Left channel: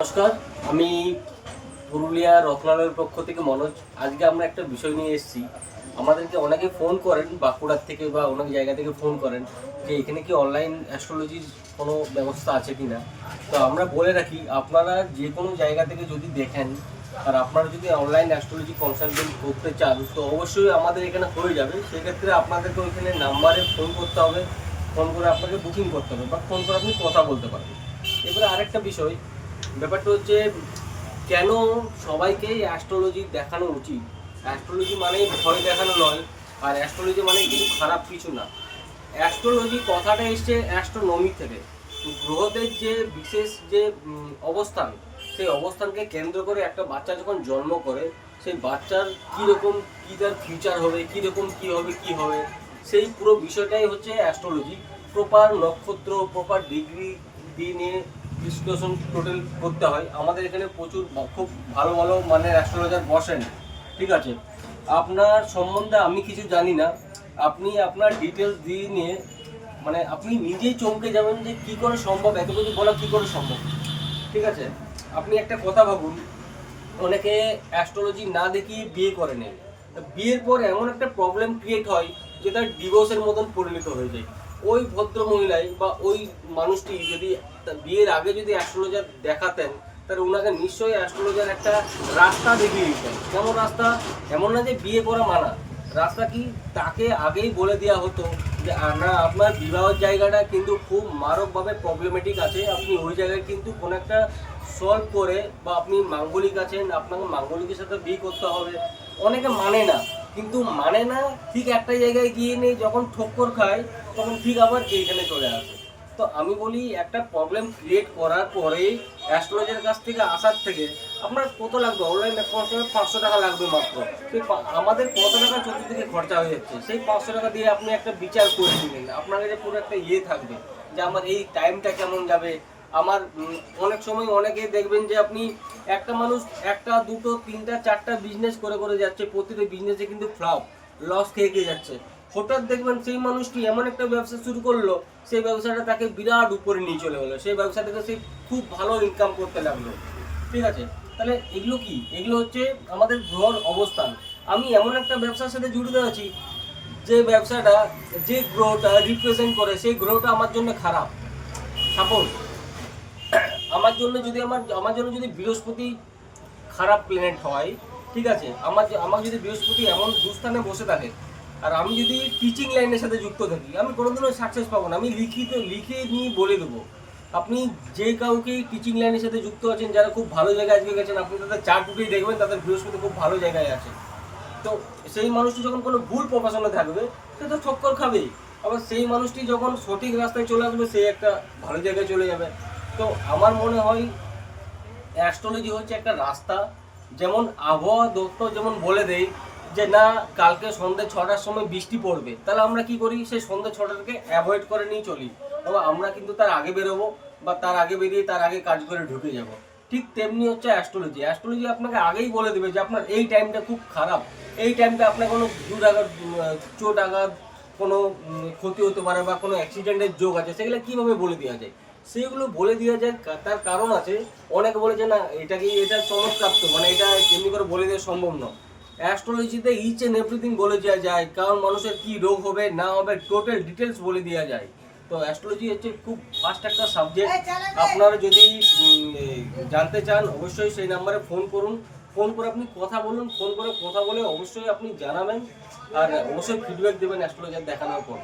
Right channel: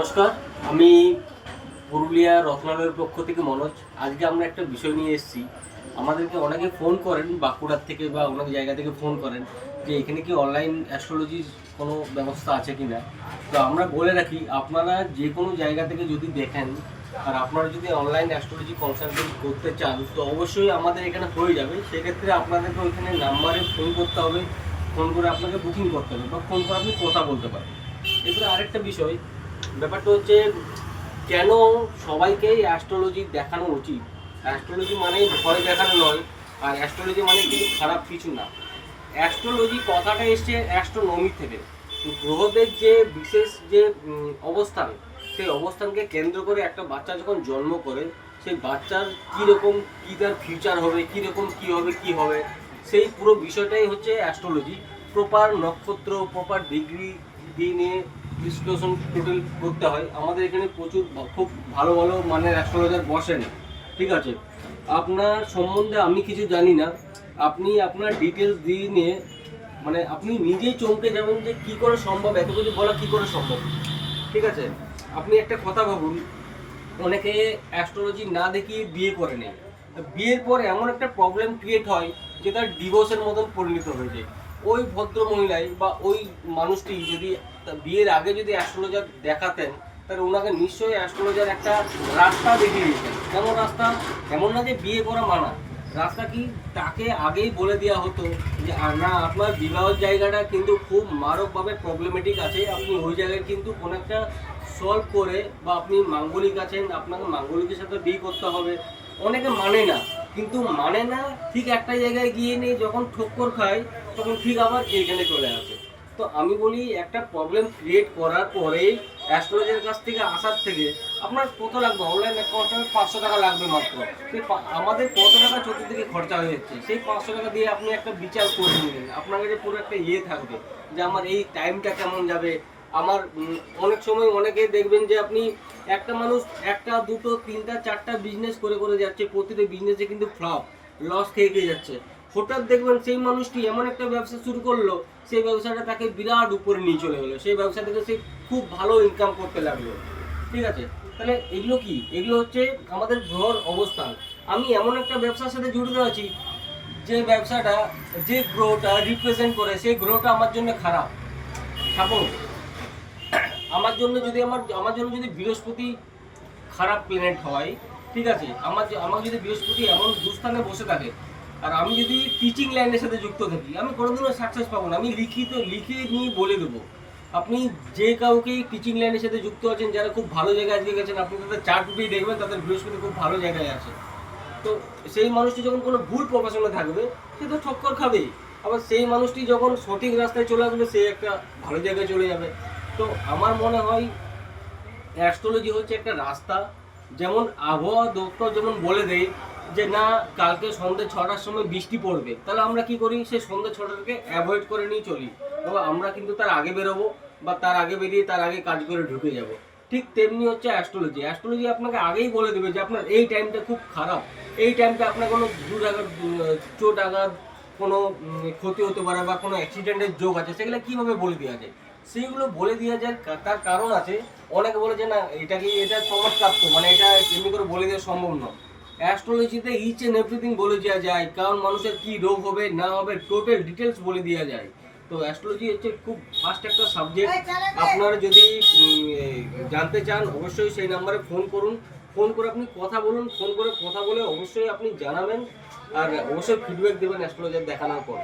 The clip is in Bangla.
নমস্কার, আমি পুরুলিয়া রত্নালয়ের পক্ষ থেকে মনোজ। আজকে আমরা একটা বিষয় নিয়ে এসেছি। আমাদেরকে অনেকে ফোন করেন, বাঁকুড়ার থেকে বা অনেক জায়গা থেকে ফোন করেন যে এখানে কি অনলাইন অ্যাস্ট্রোলজির কোনো ব্যবস্থা আছে কি না। তো আমরা বলে রাখি, আপনারা যে কোনো জায়গা থেকে যদি দেখেন আর আপনারা যদি অনলাইন অ্যাস্ট্রোলজি কনসালটেন্ট করতে চান তো অবশ্যই আমাদের এখানে হয়ে যাবে। সেক্ষেত্রে আপনাদেরকে ওইখানে নাম্বারে ফোন করতে হবে, ফোন করে আপনাকে বুকিং করতে হবে বা ফোন করে আপনি কথা বলতে পারেন। এবারে আরেকটা বিষয়, ব্যাপারটা হচ্ছে কেন সবাইকেই অ্যাস্ট্রোলজি দেখানো উচিত। অ্যাস্ট্রোলজি মানেই ভয় দেখানো নয়, আর অ্যাস্ট্রোলজি মানে কিন্তু খারাপ কিছু না। অ্যাস্ট্রোলজি কথাটা এসছে অ্যাস্ট্রোনমি থেকে। গ্রহদের যে বিশেষ যে অবস্থান, সেই অবস্থানকে কেন্দ্র করে একটা বাচ্চা যখন জন্ম করে সেই বাচ্চার কীরকম কী তার ফিউচার হবে, কীরকম কী হবে কী হবে, সেই পুরো বিষয়টাই হচ্ছে অ্যাস্ট্রোলজি। প্রপার নক্ষত্র, প্রপার ডিগ্রি দিয়ে নিয়ে ডিসকাশন টোটাল করতে হয়। আমাদের এখানে প্রচুর খুব ভালো ভালো মানের অ্যাস্ট্রোলজার বসেন, ঠিক আছে। আপনার সম্বন্ধে আমি কিছু জানি না, আপনি আপনার ডিটেলস দিয়ে নিয়ে মানে আপনি নিজেই চমকে যাবেন যে কী করে সম্ভব, এত কিছু বলা কী করে সম্ভব, ঠিক আছে। আপনি একটা কথা ভাবুন, অনেকে অ্যাস্ট্রোলজি না দেখিয়ে বিয়ে করে নেয়। বিয়ের পর এমন একটা প্রবলেম ক্রিয়েট হয় যে তার ডিভোর্সের মতন পরিণত হয়ে যায়। ওই ভদ্র মহিলাই বা ওই মানুষটি যদি বিয়ের আগে যদি অ্যাস্ট্রোলজার দেখাতেন তাহলে ওনাকে নিশ্চয়ই অ্যাস্ট্রোলজার একটা রাস্তা দেখিয়ে দিতেন। কেমন রাস্তা? এমন না যে বিয়ে করা মানা, রাস্তা কি তাকে আগেই বলে দেওয়া হতো যে না, আপনার বিবাহের জায়গাটা কিন্তু খুব মারকভাবে প্রবলেমেটিক আছে, আপনি ওই জায়গায় কিন্তু কোনো একটা সলভ করে, বা আপনি মাঙ্গলিক আছেন, আপনাকে মাঙ্গলিকের সাথে বিয়ে করতে হবে। অনেকে মানে না, কিন্তু মানে না ঠিক একটা জায়গায় গিয়ে নেই, যখন ঠক্কর খায় তখন ঠিক আবার এইখানে চলে আসে। তো আমি বলি, একটা প্রবলেম ক্রিয়েট করার পরেই অ্যাস্ট্রোলজারের কাছ থেকে আসার থেকে আপনার কত লাগবে? অনলাইন অ্যাকাউন্টে 500 টাকা লাগবে মাত্র। সেই আমাদের কত টাকা চতুর্দিকে খরচা হয়ে যাচ্ছে, সেই 500 টাকা দিয়ে আপনি একটা বিচার করে নিলেন, আপনার কাছে পুরো একটা থাকবে যে আমার এই টাইমটা কেমন যাবে। আমার অনেক সময় অনেকেই দেখবেন যে আপনি একটা মানুষ একটা দুটো তিনটা চারটা বিজনেস করে করে যাচ্ছে, প্রতিটা বিজনেসে কিন্তু ফ্লপ, লস খেয়ে যাচ্ছে। হঠাৎ দেখবেন সেই মানুষটি এমন একটা ব্যবসা শুরু করলো, সেই ব্যবসাটা তাকে বিরাট উপরে নিয়ে চলে গেলো, সেই ব্যবসা থেকে সে খুব ভালো ইনকাম করতে লাগলো, ঠিক আছে। তাহলে এগুলো কি? এগুলো হচ্ছে আমাদের গ্রহর অবস্থান। আমি এমন একটা ব্যবসার সাথে জড়িত আছি যে ব্যবসাটা, যে গ্রহটা রিপ্রেজেন্ট করে সেই গ্রহটা আমার জন্য খারাপ। সাপোজ আমার জন্য যদি বৃহস্পতি খারাপ প্ল্যানেট হয়, ঠিক আছে, আমার যদি বৃহস্পতি এমন দুস্থানে বসে থাকে আর আমি যদি টিচিং লাইনের সাথে যুক্ত থাকি, আমি কোনোদিনও সাকসেস পাবো না। আমি লিখে নিয়ে বলে দেবো। আপনি যে কাউকেই টিচিং লাইনের সাথে যুক্ত আছেন, যারা খুব ভালো জায়গায় আজকে গেছেন, আপনি তাদের চার্ট বুকেই দেখবেন তাদের বৃহস্পতি খুব ভালো জায়গায় আছে। তো সেই মানুষটি যখন কোনো ভুল প্রফেশনে থাকবে সে তো ঠক্কর খাবেই। আবার সেই মানুষটি যখন সঠিক রাস্তায় চলে আসবে সে একটা ভালো জায়গায় চলে যাবে। তো আমার মনে হয় অ্যাস্ট্রোলজি হচ্ছে একটা রাস্তা। যেমন আবহাওয়া দপ্তর যেমন বলে দেয় যে না, কালকে সন্ধ্যে 6টার সময় বৃষ্টি পড়বে, তাহলে আমরা কি করি? সেই সন্ধ্যে 6টাকে অ্যাভয়েড করে নিয়ে চলি, এবং আমরা কিন্তু তার আগে বেরোবো বা তার আগে বেরিয়ে তার আগে কাজ করে ঢুকে যাব। ঠিক তেমনি হচ্ছে অ্যাস্ট্রোলজি। অ্যাস্ট্রোলজি আপনাকে আগেই বলে দেবে যে আপনার এই টাইমটা খুব খারাপ, এই টাইমটা আপনার কোনো দূর আঘাত, চোট আঘাত, কোনো ক্ষতি হতে পারে বা কোনো অ্যাক্সিডেন্টের যোগ আছে, সেগুলো কীভাবে বলে দেওয়া যায়? সেইগুলো বলে দেওয়া যায়, তার কারণ আছে। অনেকে বলে যে না, এটা চমৎপ্রাপ্ত, মানে এটা এমনি করে বলে দেওয়া সম্ভব নয়। অ্যাস্ট্রোলজিতে ইচ অ্যান্ড এভরিথিং বলে দেওয়া যায়, কারণ মানুষের কী রোগ হবে না হবে টোটাল ডিটেলস বলে দেওয়া যায়। তো অ্যাস্ট্রোলজি হচ্ছে খুব ফাস্ট একটা সাবজেক্ট। আপনারা যদি জানতে চান অবশ্যই সেই নাম্বারে ফোন করুন, ফোন করে আপনি কথা বলুন, ফোন করে কথা বলে অবশ্যই আপনি জানাবেন, আর অবশ্যই ফিডব্যাক দেবেন অ্যাস্ট্রোলজার দেখানোর পর।